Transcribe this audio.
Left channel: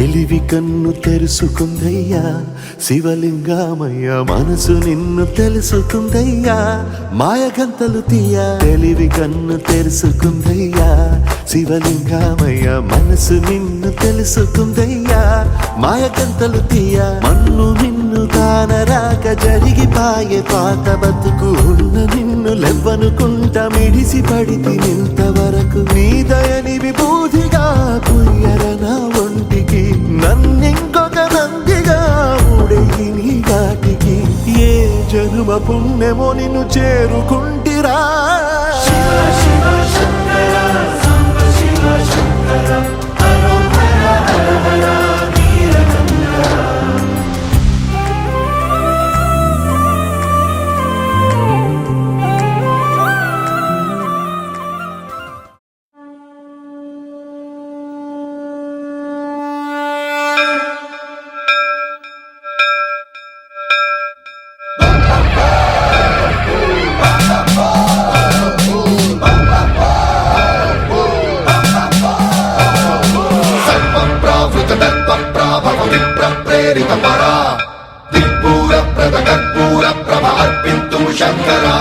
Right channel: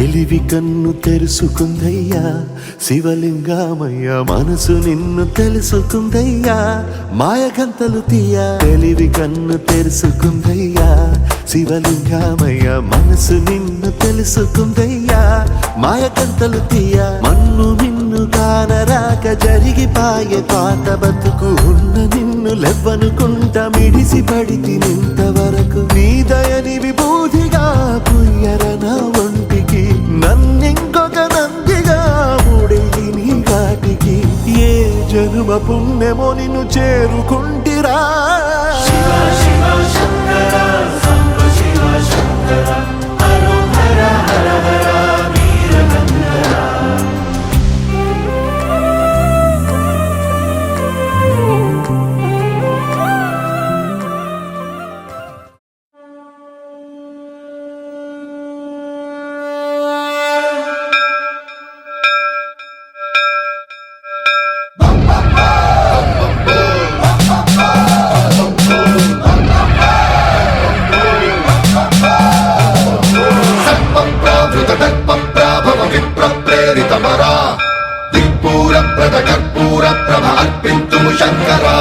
తెలివి కన్ను తెరుసుకుందయ్యా శివలింగమయ్య, మనసు నిన్ను తెలుసుకుందయ్యా మాయగంతలు తీయ. తెలివి కన్ను తెరుసుకుందయ్యా శివలింగమయ్య, మనసు నిన్ను తెలుసుకుందయ్యా మాయగంతలు తీయ. మన్ను నిన్ను కానరాక జరిగిపాయే పాత బతుకు, ఉన్న నిన్ను లెవ్వనుకుంట మిడిసి పడితి నింతవరకు. నీ దయని విభూతిగా పుయ్యర నా ఒంటికి, నన్నింకొక నందిగా ఊడెయ్యి నీ ఘాటికి. ఏ జనుమ పుణ్యమో నిన్ను చేరుకుంటిరా. దిక్పూర ప్రద కర్పూర ప్రభ అర్పింతుము శంకరా.